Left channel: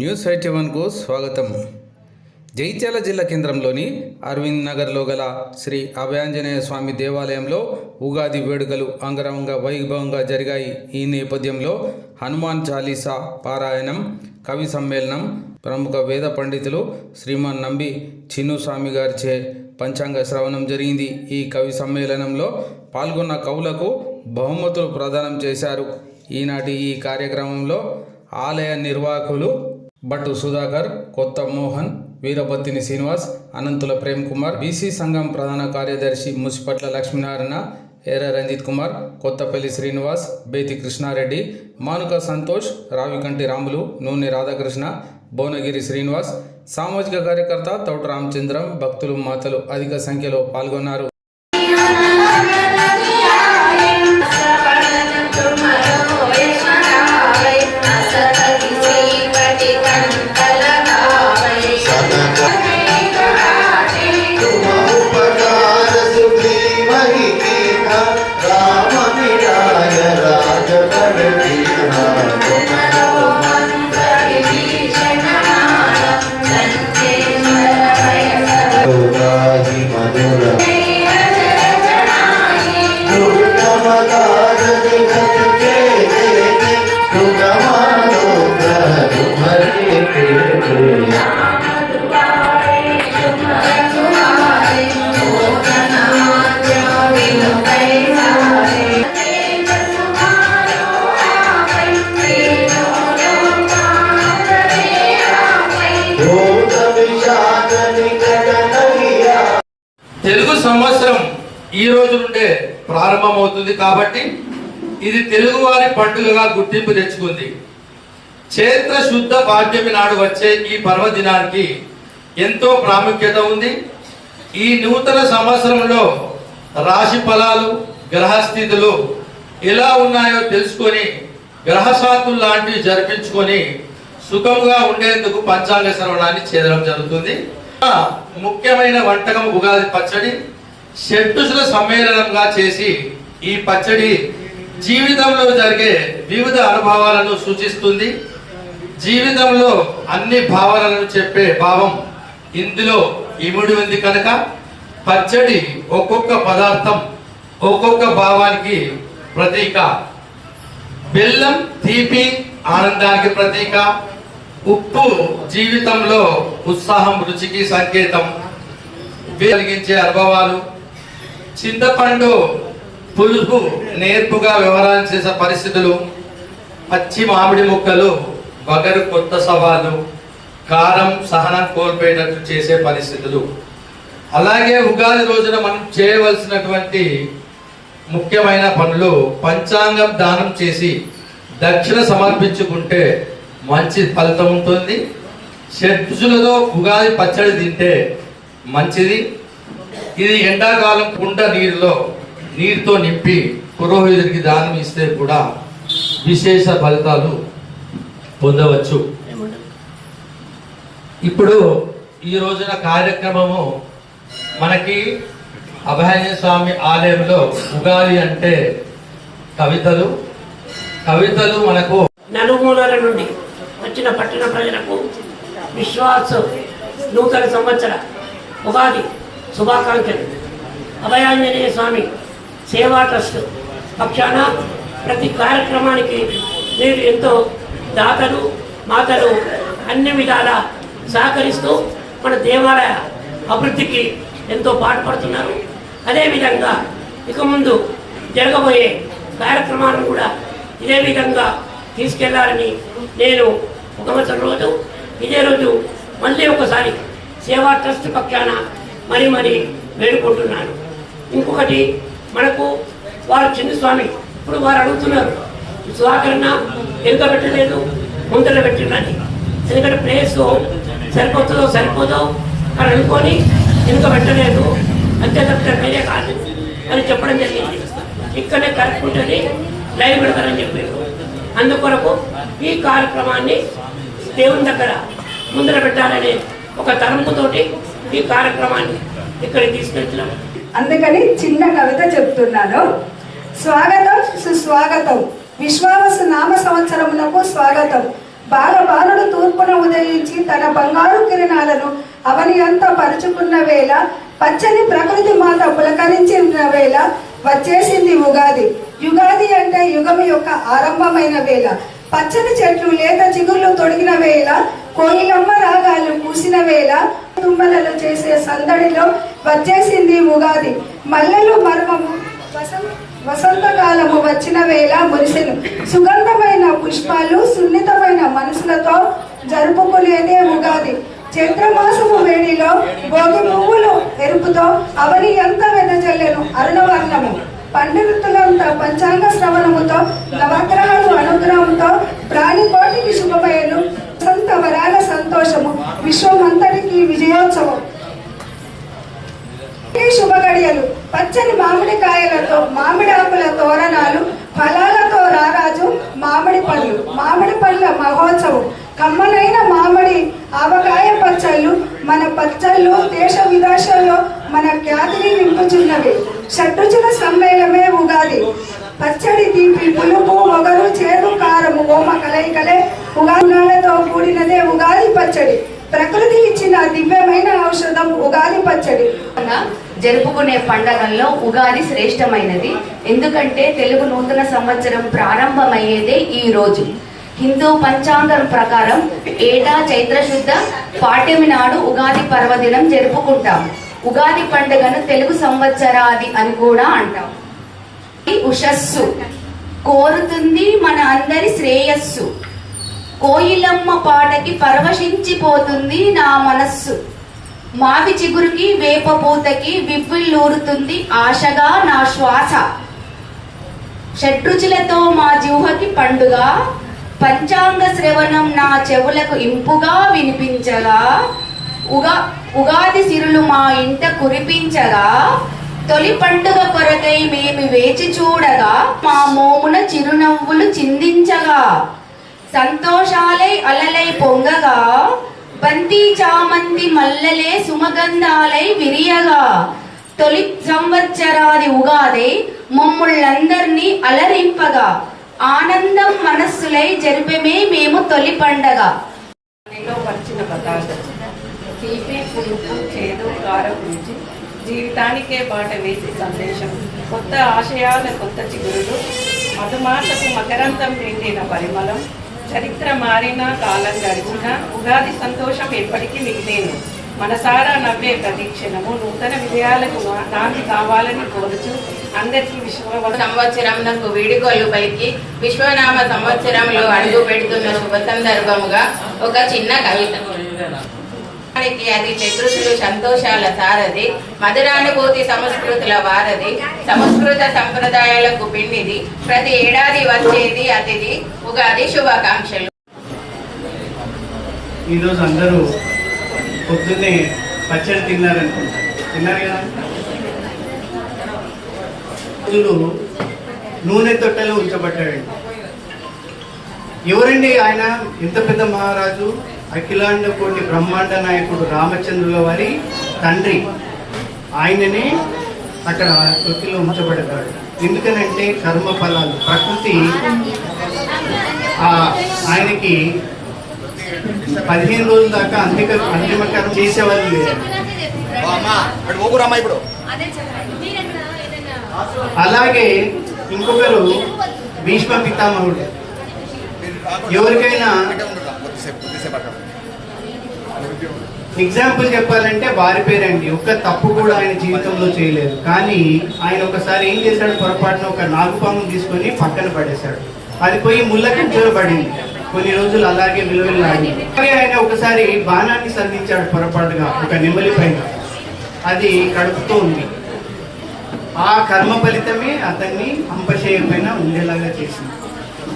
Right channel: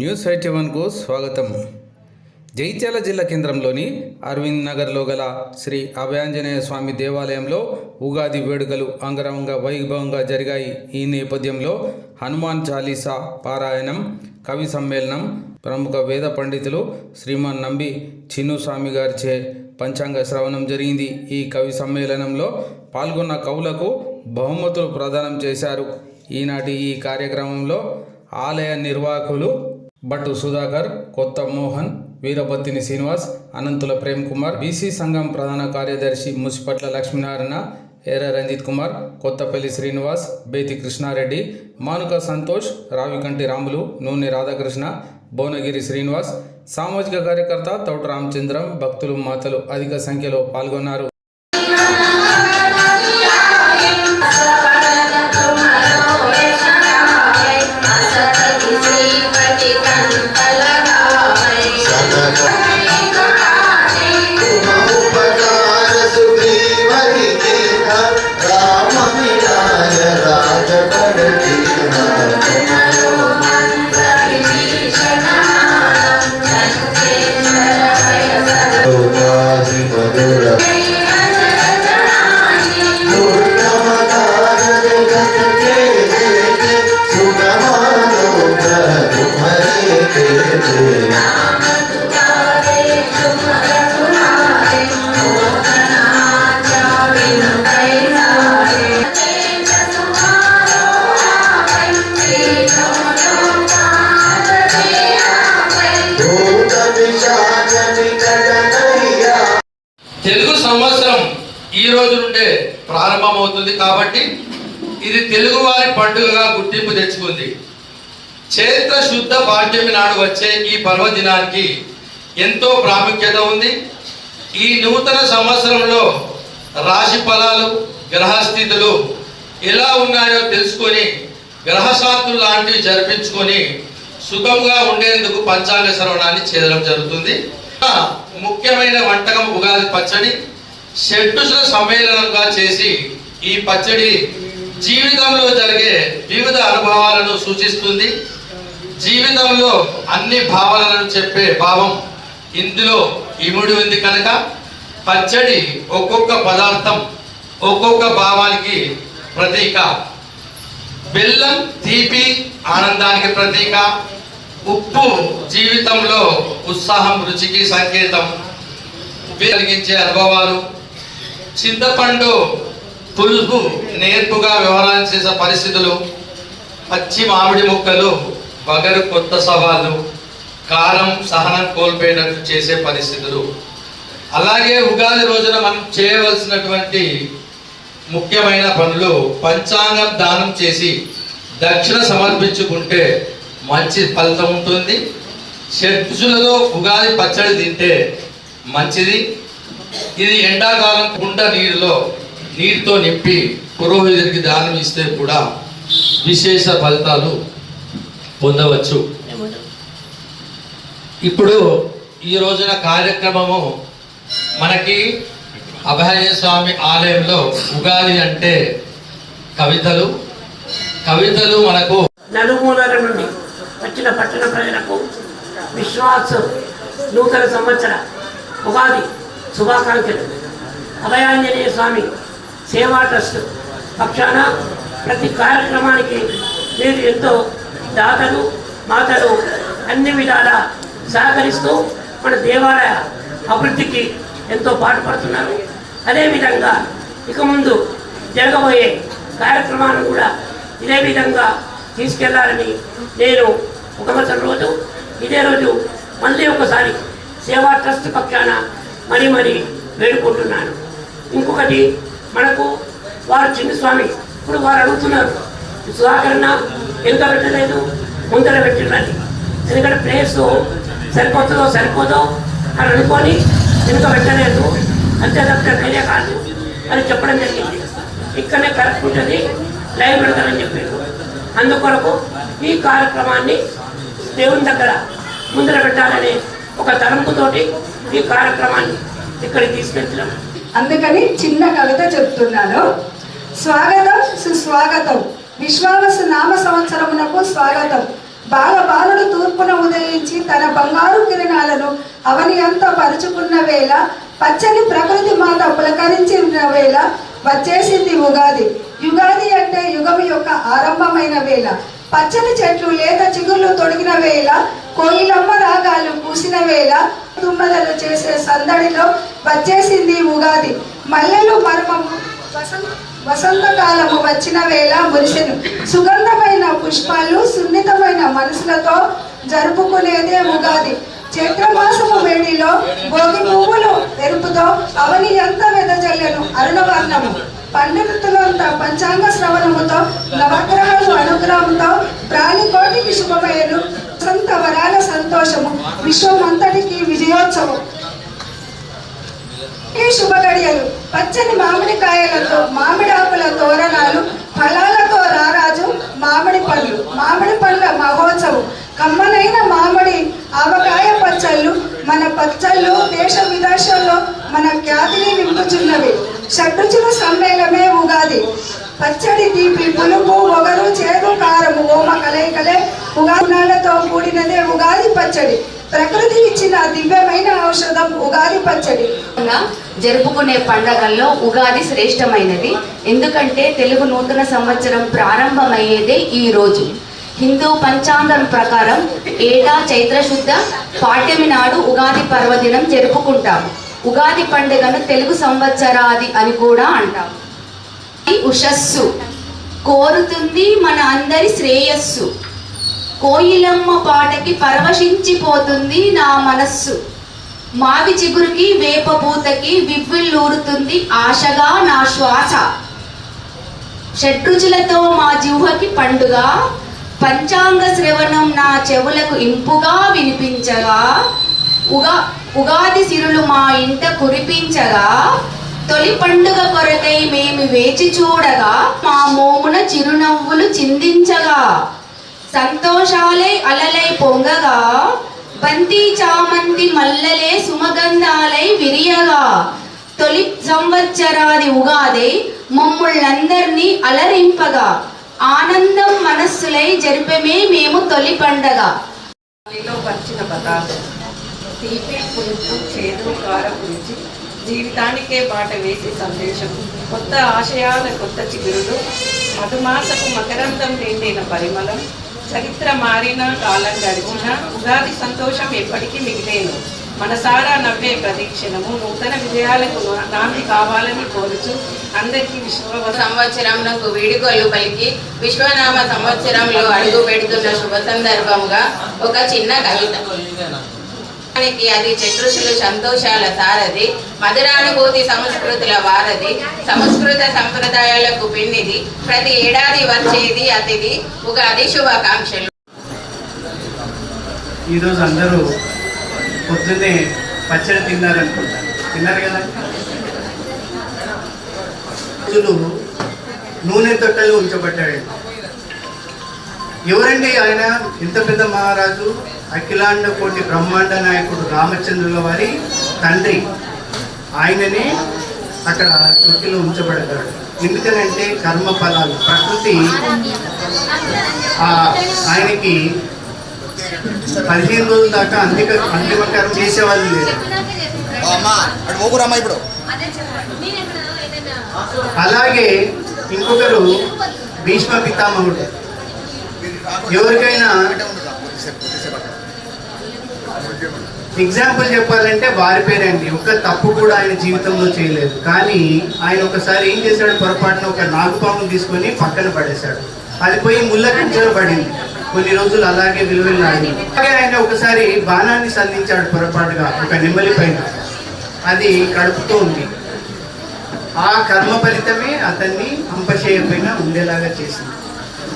News eighty వన్కు స్వాగతం. జైత్యాల జిల్లా కేంద్రంలోని అరవింద్ నగర్లో గల శ్రీ అభయాంజనేయ స్వామి దేవాలయంలో ఉగాది వేడుకలు అంగరంగ వైభవంగా జరిగాయి. ఈ నేపథ్యంలో హనుమాన్ చాలీసా పారాయణం కవి సమ్మేళనం ప్రముఖ వేద పండితులు శ్రీమాన్ నంబి చిన్నుస్వామి గారిచే పంచాంగ శ్రవణం జరిగింది. ఈ కవి సమ్మేళనంలో పాల్గొన్న కవులకు బహుమతులు ప్రదానం చేశారు. ఈనాటి ఈ కార్యక్రమంలో ఆలయ నిర్వాహకులు భట్టు సుధాకర్ కొత్త మోహన్ వీరభద్దిని శ్రీనివాస్ అనంతుల ప్రేమ్ కుమార్ బీసీ సంఘం ప్రధాన కార్యదర్శి ముసిపట్ల లక్ష్మీనారాయణ ఎర్ర రంజిత్ కుమార్ కొత్తపల్లి శ్రీనివాస్ బేతి కృష్ణారెడ్డి మానుక సంతోష్ రావికంటి రాములు నూనె రాధాకృష్ణ భువనగిరి శ్రీనివాస్ సామాజిక కార్యకర్త తౌట రామచంద్రం భక్తులు మాతలు అధిక సంఖ్యలో పాల్గొన్నారు. సంవత్సరం ఈ రోజు నుండే ప్రారంభమవుతుంది కాబట్టి ఇది తెలుగు వారి పండుగగా గుర్తింపు తెచ్చుకుంది. చైత్ర శుద్ధ పాఠ్యమి నాడు వచ్చే ఈ పర్వదినానికి ఎంతో ప్రాముఖ్యత ఉంది. ఈ నూతన సంవత్సరంలో రాశి ఫలాలు గ్రహస్థితులు ఎలా ఉన్నాయో తెలుసుకొని గ్రహశాంతులు లాంటివి జరిపించుకొని సుఖంగా ఉండేందుకు పంచాంగ శ్రవణాన్ని చేయడం జరుగుతుంది. ముఖ్యమైన వంటకం ఉగాది పచ్చడి. షడ్రుచుల సమ్మేళనంగా చేసి ఈ పచ్చడి జీవితంలో జరిగే వివిధ అనుభవాలను సూచిస్తుంది. జీవితంలో అన్ని భావాలను చెప్పే భావం ఇందులో ఇముడి ఉంది కనుక పచ్చడి ఒక్కొక్క పదార్థం ఒక్కొక్క భావానికి ప్రతీక. బెల్లం తీపి ఆనందానికి ప్రతీక. ఉప్పు జీవితంలో ఉత్సాహం రుచికి సంకేతం. కలిగించే అనుభవాలు. చింతపండు పులుపు నేర్పుగా వ్యవహారం చేసే పరిస్థితులు పచ్చి మామిడి ముక్కలు బగరు కొత్త సవాలు కారం సహనం కోల్పోయినట్టు చేసే పరిస్థితులు. అలాగే ఉగాది రోజున మనం చేయవలసినటువంటి ముఖ్యమైన పనులు పంచాంగం దానం చేసి దక్షిణ సమర్పించుకుంటే మంచి ఫలితం ఉంటుంది. షడ్జులలో ఉగాది పచ్చడి తింటే మంచిది. ఇది ఎండాకాలం కుండ నీరులో నీటితో నింపి పురోహితుడికి దానం ఇస్తే కూడా విశేష ఫలితాలు పొందవచ్చు. ఇప్పుడు ఈ రోజున కార్యక్రమము మనకి అభయ స్వామి ఆలయంలో ఉగాది అంటే కవితలు. కవితలు మనకు నలుమూలల నుండి వచ్చిన పట్టణ ప్రజలకు విశ్వాసం నూతన సంవత్సర ఉగాది శుభాకాంక్షలు. అభయాంజనేయ స్వామి సేవా ట్రస్ట్ పక్షాన ప్రతి కార్యక్రమానికి మీరు ఎంతో దాతలు మాతలు అన్ని విధాల సహకరిస్తూ మన దేవాలయ అభివృద్ధికి ఎంతో పాటుపడుతున్నారు. అదేవిధంగా ఇక ముందు జరగబోయే కార్యక్రమాలను కూడా ఇదే విధంగా తీసుకెళ్ళాలని నేను ఒక రోజు ఇదే రోజు మళ్ళీ ఒకసారి సేవా ట్రస్ట్ పక్షాన మరి మరి వేడుకుంటున్నాను. ఇంకొకటి మనకు వారు చిన్న స్వామి. ఇప్పుడు వారు అడుగుతున్నారు సుధాకరణ వెనుక పెట్టలేదు ముందర పెట్టినది ఎందుకంటే ప్లేస్ సరిపోతుందో సరిపోదో అని అనుకొని వెనుక పెట్టలేదు. అంతే తప్ప వేరే కాదు. అని చెప్పడం జరిగింది. ఇక్కడనే కరెక్ట్ ఉంటుంది లైవ్ పెడతారని చెప్పారు. అందుకొరకు ఈ కార్యక్రమాన్ని దేవుని దగ్గర ముందర పెట్టాలనే ఒక తలంపుతోటి ఈ కార్యక్రమాన్ని ఇక్కడికి తీసుకెళ్తున్నాం అందుకని చిన్న కవిత చెప్తున్నాను. స్వాగతం సుస్వాగతం. విశ్వావసు నామ సంవత్సరమునకు స్వాగతం. బాలబాలుడు తూర్పున ఉదయించి తన బంగారు కిరణాలను అవని అంతా పరుచుకున్న వేళ పచ్చని ప్రకృతి మాత పులకరించిన వేళ వచ్చేసింది ఉగాది. యుగాది అంటే యుగం యొక్క ఆరంభమైన వేళ. పచ్చని చెట్లు లేత చిగుళ్ళు తొడిగిన వేళ కోయిలమ్మ రాగాలు పూసిన వేళ తుమ్మదలు చేసే సందడిలో వచ్చేసింది ఉగాది. మల్లెలు మర్మము వసంత వసంతకాలము వచ్చిన వేళ మురిసెను. సుగంధమైన పుష్పాలు సున్నితమైన మనసులతో జరుపుకునేదే ఉగాది. చైత్రమాసము వేడిలో భోగి పువ్వులు ఎరుపుతో అవని ఎంత వెదజల్లెను అరుణవర్ణము. పండవృత్తులంతో పంచాంగ శ్రవణముతో నవగ్రహాలు అనుగ్రహంతో ప్రాణికోటికి శుభమయను సంత వరాల సంతోషము విశ్వమంతటికి విజయోత్సవం. ఈ శుభ గడియలు పచ్చని మామిడి కాయలతో మామిడి ఆకుల తోరణాలు ఫల పచ్చడి తీపి పులుపు మొగలు చేదు కారము ఓమ కలయికలే ఉగాదితో కూడినదే ఉగాది పచ్చడి. ప్రకృతి ఇచ్చిన దివ్యమైన ఔషధం ఉగాది పచ్చడి. జరుపుకునే పండగల్లో ఉగాది శ్రేష్టమైనది. ఎందుకంటే తెలుగు నూతన సంవత్సరం ప్రారంభమయ్యేదే ఈ రోజు. హిందూ పంచాంగం ప్రకారం ఏటా చైత్రశుద్ధ పాఠ్యమి నాడు ఉగాది పర్వదినం జరుపుకుంటాం. ఉగాది పండుగను తెలుగు సంవత్సరాది అని కూడా అంటాం. ఉషస్సు. కోరుతుంది మన అందరి శ్రేయస్సు. కోయిలమ్మ పాటకి పరవశించిపోతుంది నా మనస్సు. మావి చిగురుకి వేప పూతకి వివ్విల్లూరుతుంది ఆశగా నా శ్వాస. షడ్రుచులతో మా జిహ్వకి పండుగ పంచాంగ శ్రవణం నా చెవులకు ఇంపుగా వినిపించగా ఉగా ఉగాది సిరులు మా ఇంట కురిపించగా తొలి పండుగ కొరకై మేము వేచి చూడగా మా మోమున చిరునవ్వులు చిందించగా సంతోషాలై అలలై పొంగగా బంతి చామంతి మల్లలే సుమగంధాలై విరియగా తొలి సంవత్సరాది ఉగాది మమ్ముళ్ళందరినీ అలరింపగా ఆనందం మనస్సులై జరిపమే మేము తొలి పండగ. వచ్చిన పదార్థం తీపి పులుపు చేదు కారం రుచి. జీవితానికే బాట వేసే సందేశం. కొత్త ఆశయాల కొత్త చిగురులు మధుమాసపు మకరంతం నిండిన పరిమళం చరిత్ర మారిన కాలం గడిచిన ఉగాది సంతోషం ఎప్పటికీ మిగిలేను. మనసారా నవ్వే ప్రతిక్షణము నూతన విజయాలకు నాంది కావాలని కోరుచు అందరికీ విశ్వ సంవత్సరంలో వేడుకలు పలికి విశ్వనామ సంవత్సరంలో అడుగు పెడుతున్న శుభ సందర్భముగా ఒక చిన్న కవిత. దానికి అది చతురుషులు సంతోషాల సారది మధురానుభూతి సంస్కృతుల వారది సంస్కృత సంప్రదాయాలకు పిండిది ప్రతి ఏడాది వచ్చేది అతిథి ఉగాది శుభాకాంక్షలు. ఈరోజు అందరూ పొద్దున్నే పచ్చడి తిన్నారనుకుంటారు తిన్నారు కదా? రోజులు నూనె తొట్టెలు ఉంచబడ్డాడు. ఎవరండి ఆయన? ఇంత పెద్ద మహారాజు? అఖిలాండ కోటి బ్రహ్మాండ నాయకుడు రామచంద్రుల వారి తండ్రి. ఆయననే అక్కడ తొట్టిలో ఉంచబడతాడు. ఎందుకనంటే కర్మ ఫలాలు ప్రకృతి ఆ ఆయనకి పదిహేను రోజుల దాకా అంతిక అంతిమకారం చేసేవాళ్ళు లేదు అలాగే ఇంకొకరు భీష్మ పితామహుడు. ఎవరికైనా ఎగ్జాంపుల్ చెప్పాలంటే వారి పేరండి. ఒక్క తప్పు కూడా ఆయన జీవితంలో చేయలేదు. కానీ ఆయన ఒకసారి ఏం చేశాడు? పొరపాటున ఒక నాగుపాము తీసుకొని పక్కన పడేశాడు. అది పోయి ముళ్ళ కంచెలో పడింది. కొన్ని రోజులు అలాగే విలువెళ్ళాడు అలాగే ఆయన ఒకసారి బాణాన్ని సంధించాడు పొరపాటుగా ఒక నెమ్మలి పైన. అది కడుపుతూ ఉంది. ఆ కర్మ ఫలితమే అతన్ని అంపచేయకపోయినా ఉండేలాగా చేసింది.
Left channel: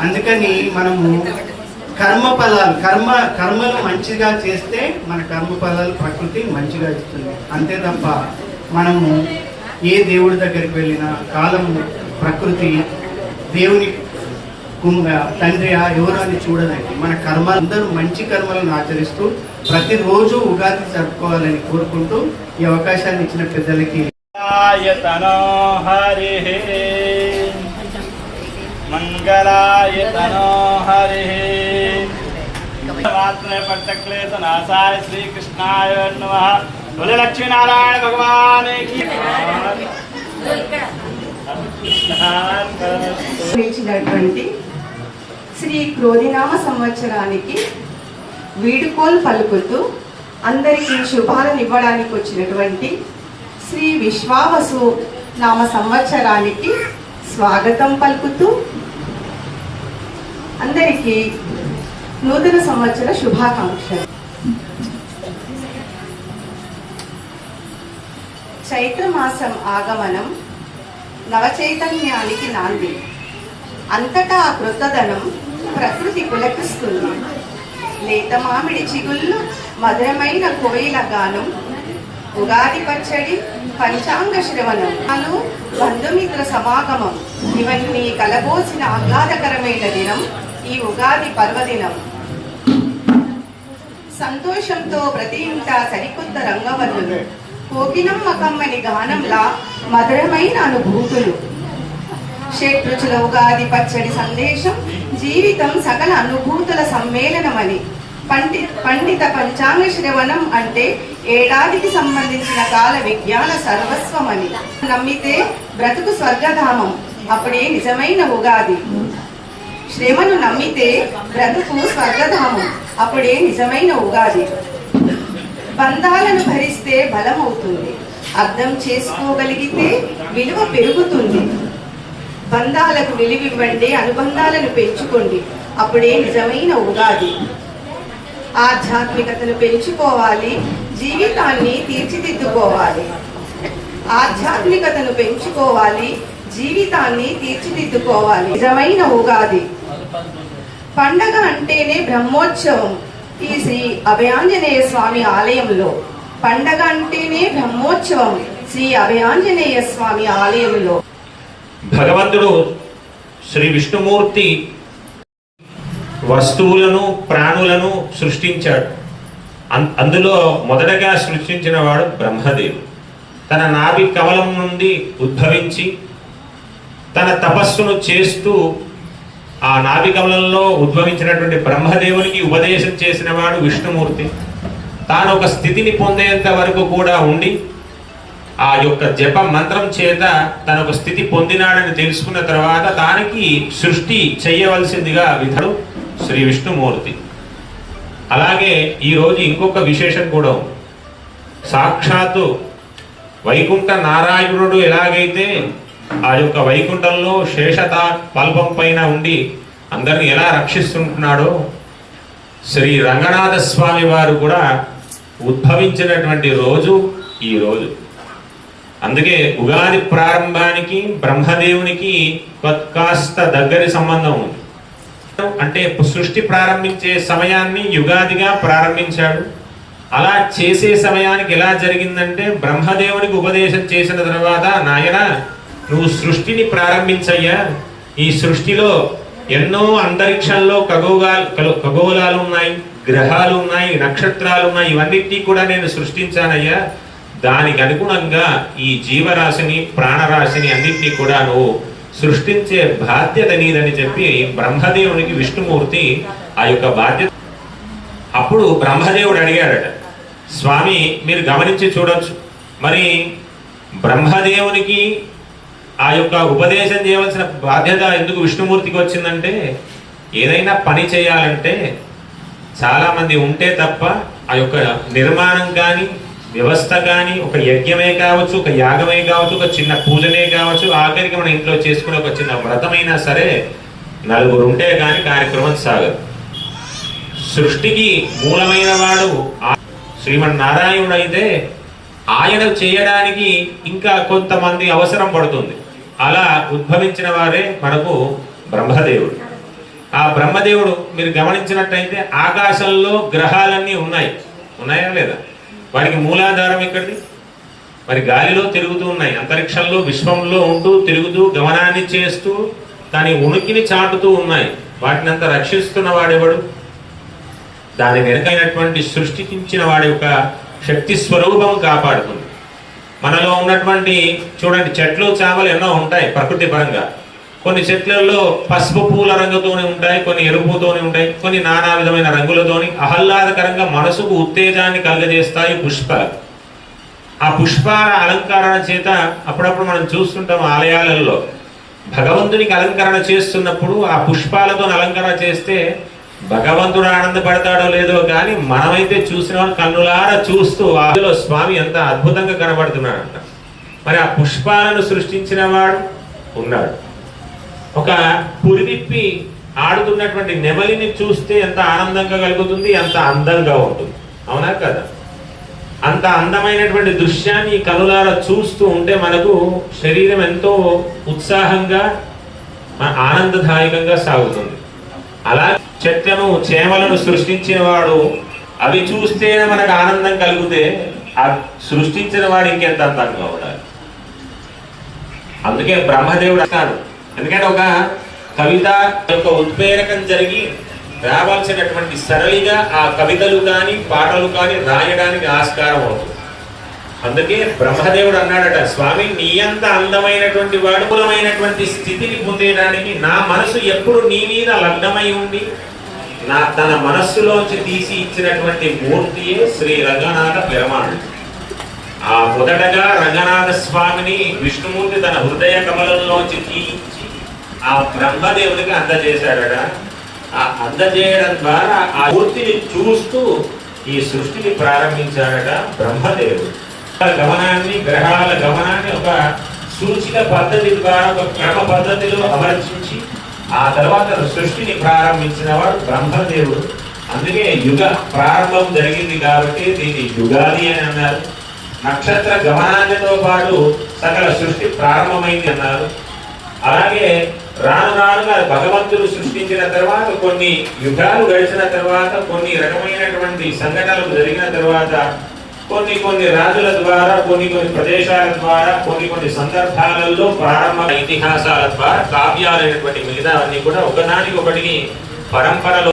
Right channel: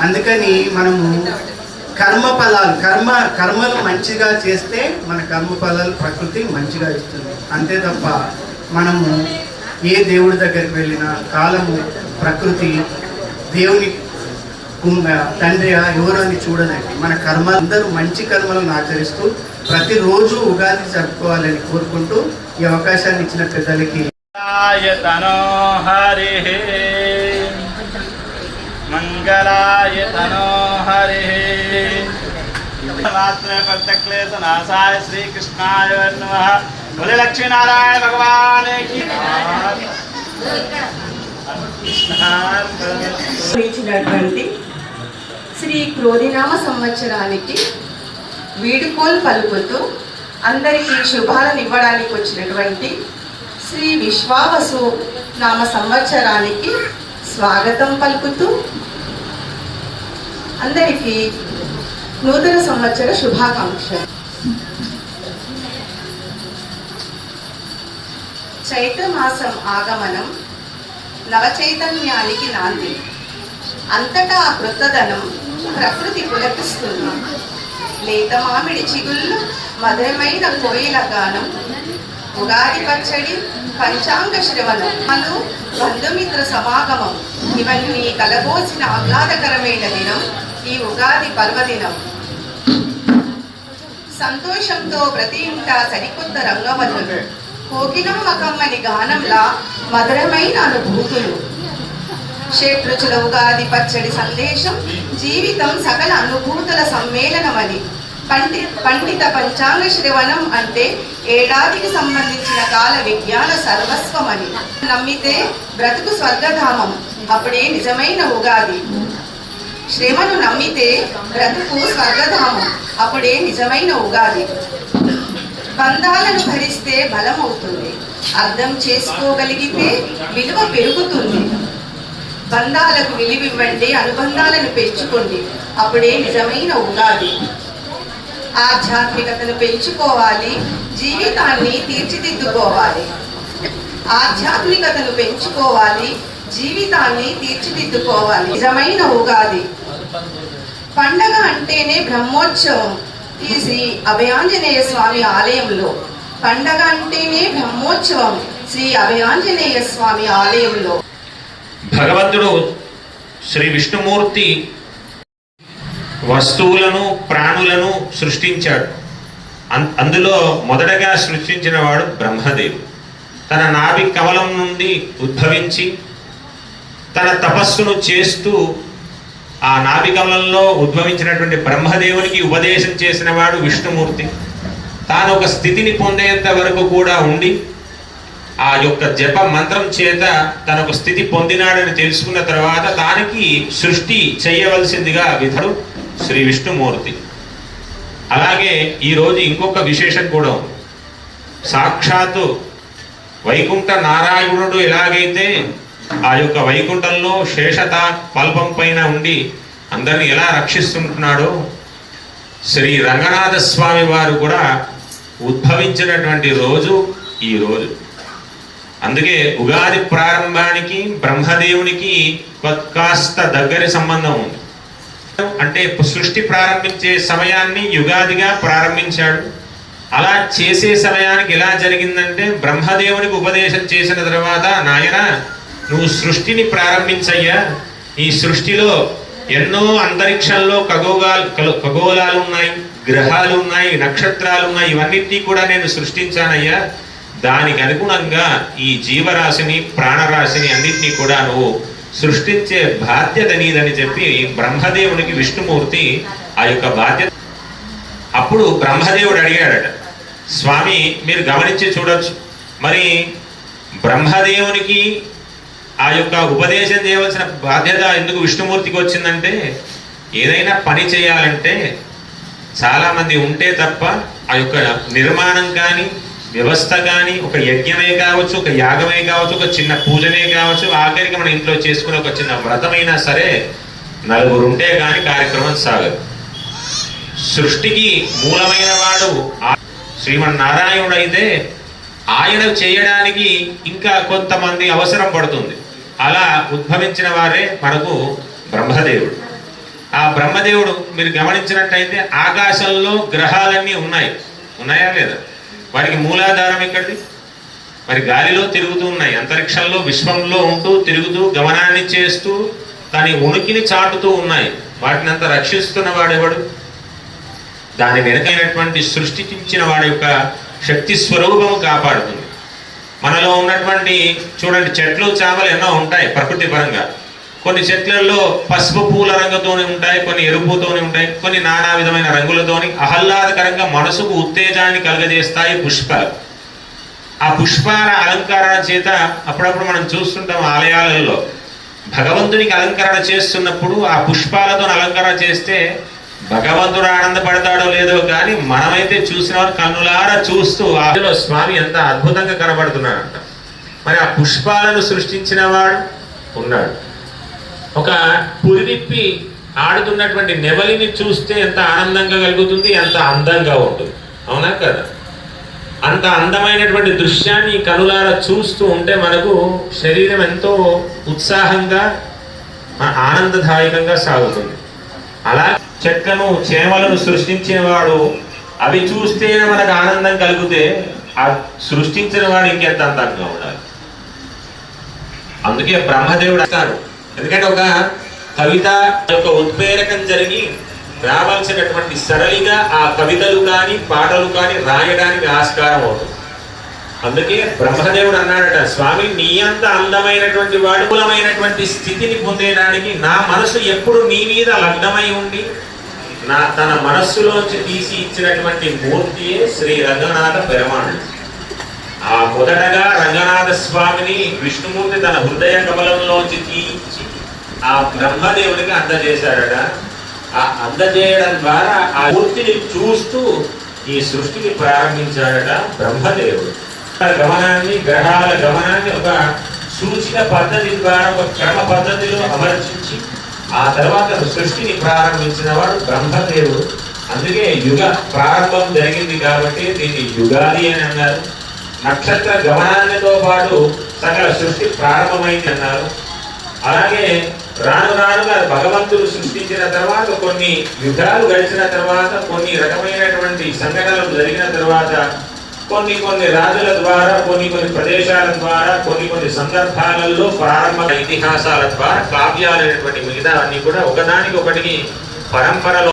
అందుకని మనము కర్మ ఫలాలు కర్మ కర్మలు మంచిగా చేస్తే మన కర్మ ఫలాలు ప్రకృతి మంచిగా ఇస్తుంది. అంతే తప్ప మనము ఏ దేవుడి దగ్గరికి వెళ్ళినా కాలము ప్రకృతి దేవుని కుంగ తండ్రి ఎవరు అని చూడనండి. మన కర్మ అందరూ మంచి కర్మలను ఆచరిస్తూ ప్రతిరోజు ఉగాది జరుపుకోవాలని కోరుకుంటూ ఈ అవకాశాన్ని ఇచ్చిన పెద్దలకి మంగళాయతనో హరి మంగళాయతనో హరి పంచక్లేశ శ్రీకృష్ణాయ నమ భగవాన్ శ్రీ క్రోధినామ సంవత్సరానికి వీడుకోలు పలుకుతూ అందరికీ శుభాలను ఇవ్వడానికి వచ్చినటువంటి శ్రీ విశ్వావసు నామ సంవత్సరానికి స్వాగతం పలుకుతూ అందరికీ నూతన సంవత్సర శుభాకాంక్షలు. చైత్రమాసం ఆగమనం నవచైతన్యానికి నాంది. అంతటా కృతధనం కృతదనం ప్రకృతి పులకిస్తుంది. లేత మామిడి చిగుళ్ళు మధురమైన కోయిల గానం ఉగాది పచ్చడి పంచాంగ శ్రవణం. బంధుమిత్ర సమాగమం. ఇవన్నీ కలబోసిన ఆహ్లాదకరమైన దినం ఈ ఉగాది పర్వదినం. సంతోషంతో ప్రతి ఇంట సరికొత్త రంగవల్లులు. కోకిలమ్మ కమ్మని గానంలా మధురమైన అనుభూతులు. షట్రుచుల ఉగాది పచ్చడి సందేశం జీవితం సకల అనుభూతుల సమ్మేళనమని. పండి పండిత పంచాంగ శ్రవణం అంటే ఏడాదికి సంబంధించిన కాల విజ్ఞాన సర్వస్వమని. నమ్మితే బ్రతుకు స్వర్గధామం అప్పుడే నిజమైన ఉగాది. శ్రమను నమ్మితే బ్రతుకు స్వర్గధామం. అప్పుడే నిజమైన ఉగాది. బంధాలను భరిస్తే బలమవుతుంది. అర్థం చేసుకోగలిగితే విలువ పెరుగుతుంది. బంధాలకు విలువివ్వండి అనుబంధాలను పెంచుకోండి. అప్పుడే నిజమైన ఉగాది. ఆధ్యాత్మికతను పెంచుకోవాలి జీవితాన్ని తీర్చిదిద్దుకోవాలి. ఆధ్యాత్మికతను పెంచుకోవాలి జీవితాన్ని తీర్చిదిద్దుకోవాలి. నిజమైన ఉగాది. పండగ అంటేనే బ్రహ్మోత్సవం. ఈ శ్రీ అభయాంజనేయ స్వామి ఆలయంలో. పండగ అంటేనే బ్రహ్మోత్సవం. శ్రీ అభయాంజనేయ స్వామి ఆలయంలో. భగవంతుడు శ్రీ విష్ణుమూర్తి వస్తువులను ప్రాణులను సృష్టించాడు. అందులో మొదటగా సృష్టించిన వాడు బ్రహ్మదేవుడు. తన నాభి కవలం నుండి ఉద్భవించి తన తపస్సును చేస్తూ ఆ నాభికమలంలో ఉద్భవించినటువంటి బ్రహ్మదేవునికి ఉపదేశం చేసిన వాడు విష్ణుమూర్తి. తాను ఒక స్థితిని పొందేంత వరకు కూడా ఉండి ఆ యొక్క జప మంత్రం చేత తన ఒక స్థితి పొందినాడని తెలుసుకున్న తర్వాత దానికి సృష్టి చేయవలసిందిగా విధుడు శ్రీ విష్ణుమూర్తి. అలాగే ఈరోజు ఇంకొక విశేషం కూడా ఉంది. సాక్షాత్తు వైకుంఠ నారాయణుడు ఎలాగైతే ఆ యొక్క వైకుంఠంలో శేషత పల్పం పైన ఉండి అందరిని ఎలా రక్షిస్తుంటున్నాడో శ్రీ రంగనాథ స్వామి వారు కూడా ఉద్భవించినటువంటి రోజు ఈ రోజు. అందుకే ఉగాది ప్రారంభానికి బ్రహ్మదేవునికి కాస్త దగ్గరి సంబంధం ఉంది. అంటే సృష్టి ప్రారంభించే సమయాన్ని యుగాదిగా ప్రారంభించాడు. అలా చేసే సమయానికి ఎలా జరిగిందంటే బ్రహ్మదేవునికి ఉపదేశం చేసిన తర్వాత నాయన నువ్వు సృష్టిని ప్రారంభించయ్యా. ఈ సృష్టిలో ఎన్నో అంతరిక్షంలో ఖగోగాలు ఖగోళాలు ఉన్నాయి గ్రహాలు ఉన్నాయి నక్షత్రాలు ఉన్నాయి ఇవన్నిటినీ కూడా నేను సృష్టించానయ్యా. దానికి అనుగుణంగా ఈ జీవరాశిని ప్రాణరాశిని అన్నింటినీ కూడా నువ్వు సృష్టించే బాధ్యత నీదని చెప్పి బ్రహ్మదేవునికి విష్ణుమూర్తి ఆ యొక్క బాధ్యత అప్పుడు బ్రహ్మదేవుడు అడిగాడట. స్వామి మీరు గమనించి చూడొచ్చు. మరి బ్రహ్మదేవునికి ఆ యొక్క ఉపదేశం చేయవలసిన బాధ్యత ఎందుకు విష్ణుమూర్తికి వచ్చిందంటే ఏదైనా పని చేయాలంటే చాలా మంది ఉంటే తప్ప ఆ యొక్క నిర్మాణం కానీ వ్యవస్థ కానీ ఒక యజ్ఞమే కావచ్చు ఒక యాగమే కావచ్చు ఒక చిన్న పూజనే కావచ్చు ఆఖరికి మన ఇంట్లో చేసుకునే ఒక చిన్న వ్రతమైనా సరే నలుగురు ఉంటే కానీ కార్యక్రమం సాగదు. సృష్టికి మూలమైన వాడు శ్రీమన్నారాయణుడు అయితే ఆయన చేయడానికి ఇంకా కొంతమంది అవసరం పడుతుంది. అలా ఉద్భవించిన వారే మనకు బ్రహ్మదేవుడు. ఆ బ్రహ్మదేవుడు మీరు గమనించినట్టయితే ఆకాశంలో గ్రహాలన్నీ ఉన్నాయి. ఉన్నాయా లేదా? వారికి మూలాధారం ఎక్కడిది? మరి గాలిలో తిరుగుతూ ఉన్నాయి. అంతరిక్షంలో విశ్వంలో ఉంటూ తిరుగుతూ గమనాన్ని చేస్తూ దాని ఉనికిని చాటుతూ ఉన్నాయి. వాటిని అంతా రక్షిస్తున్న వాడెవడు? దాని వెనకైనటువంటి సృష్టించిన వాడి యొక్క శక్తి స్వరూపం కాపాడుతుంది. మనలో ఉన్నటువంటి చూడండి చెట్లు చేపలు ఎన్నో ఉంటాయి ప్రకృతి పరంగా. కొన్ని చెట్లలో పసుపు పూల రంగుతోనే ఉంటాయి కొన్ని ఎరుపుతోనే ఉంటాయి కొన్ని నానా విధమైన రంగులతోని ఆహ్లాదకరంగా మనసుకు ఉత్తేజాన్ని కలుగజేస్తాయి పుష్పాలు. ఆ పుష్పాల అలంకరణ చేత అప్పుడప్పుడు మనం చూస్తుంటాం ఆలయాలలో. భగవంతునికి అలంకరణ చేస్తున్నప్పుడు ఆ పుష్పాలతో అలంకరణ చేస్తే భగవంతుడు ఆనందపడతాడో లేదో కానీ మనమైతే చూసిన వాళ్ళు కన్నులారా చూస్తూ అందులో స్వామి ఎంత అద్భుతంగా కనబడుతున్నాడంట. మరి ఆ పుష్పాలను సృష్టించిన వాడు ఉన్నాడు. ఒక పురివిప్పి ఆడుతున్నటువంటి నెమలిని చూస్తే ఎంత ఆనందంగా కలుగుతుంది ఎంత అందంగా ఉంటుంది. అవునా కదా? అంత అందమైనటువంటి దృశ్యాన్ని కనులారా చూస్తూ ఉంటే మనకు శరీరం ఎంతో ఉత్సాహంగా ఆనందదాయకంగా సాగుతుంది. అలా చెట్లను చేమలను సృష్టించిన వాడు. అవి చూస్తేనే మనకు ఆనందం కలిగితే ఆ సృష్టించిన వాడు ఇంకెంత అర్థంగా ఉండాలి? అందుకే బ్రహ్మదేవుడు అంటాడు. ఎందుకంటే ఒక కవిత యొక్క ఉత్ప్రేరకం జరిగి రావాల్సినటువంటి సరళిగా ఆ కవితలు కానీ పాటలు కానీ రాయడానికి ఆస్కారం అవుతుంది. అందుకే బ్రహ్మదేవుడు అన్నాడట స్వామి నీ అంత అందమైనటువంటి వాడుకులమైనటువంటి స్థితిని పొందేయడానికి నా మనసు ఎప్పుడు నీ మీద లగ్నమై ఉండి నా తన మనస్సులోంచి తీసి ఇచ్చినటువంటి మూర్తియే శ్రీ రంగనాథ పెరమాణ్ ఆ మొదటగా రంగనాథ స్వామిని విష్ణుమూర్తి తన హృదయ కమలంలోంచి తీయించి ఆ బ్రహ్మదేవుడికి అందజేశాడట ఆ అందజేయడం ద్వారా ఆ మూర్తిని చూస్తూ ఈ సృష్టిని ప్రారంభించాడట బ్రహ్మదేవుడు. గమనాన్ని గ్రహాల గమనాన్ని ఒక సూచిక పద్ధతి ద్వారా ఒక క్రమ పద్ధతిలో అమర్చించి ఆ తర్వాత సృష్టిని ప్రారంభించిన వాడు బ్రహ్మదేవుడు. అందుకే యుగ ప్రారంభం జరిగింది కాబట్టి దీన్ని యుగాది అని అన్నారు. నక్షత్ర గమనాన్నితో పాటు సకల సృష్టి ప్రారంభమైంది అన్నారు. అలాగే రాను రానుగా భగవంతుడు సృష్టించిన తర్వాత కొన్ని యుగాలు గడిచిన తర్వాత కొన్ని రకమైనటువంటి సంఘటనలు జరిగిన తర్వాత కొన్ని కొన్ని రాజుల ద్వారా కొన్ని కొన్ని ప్రదేశాల ద్వారా కొన్ని కొన్ని సందర్భాలలో ప్రారంభ ఇతిహాసాల ద్వారా కావ్యాలైనటువంటి మిగతా అన్ని కూడా ఒకదానికి ఒకటికి పరంపరలో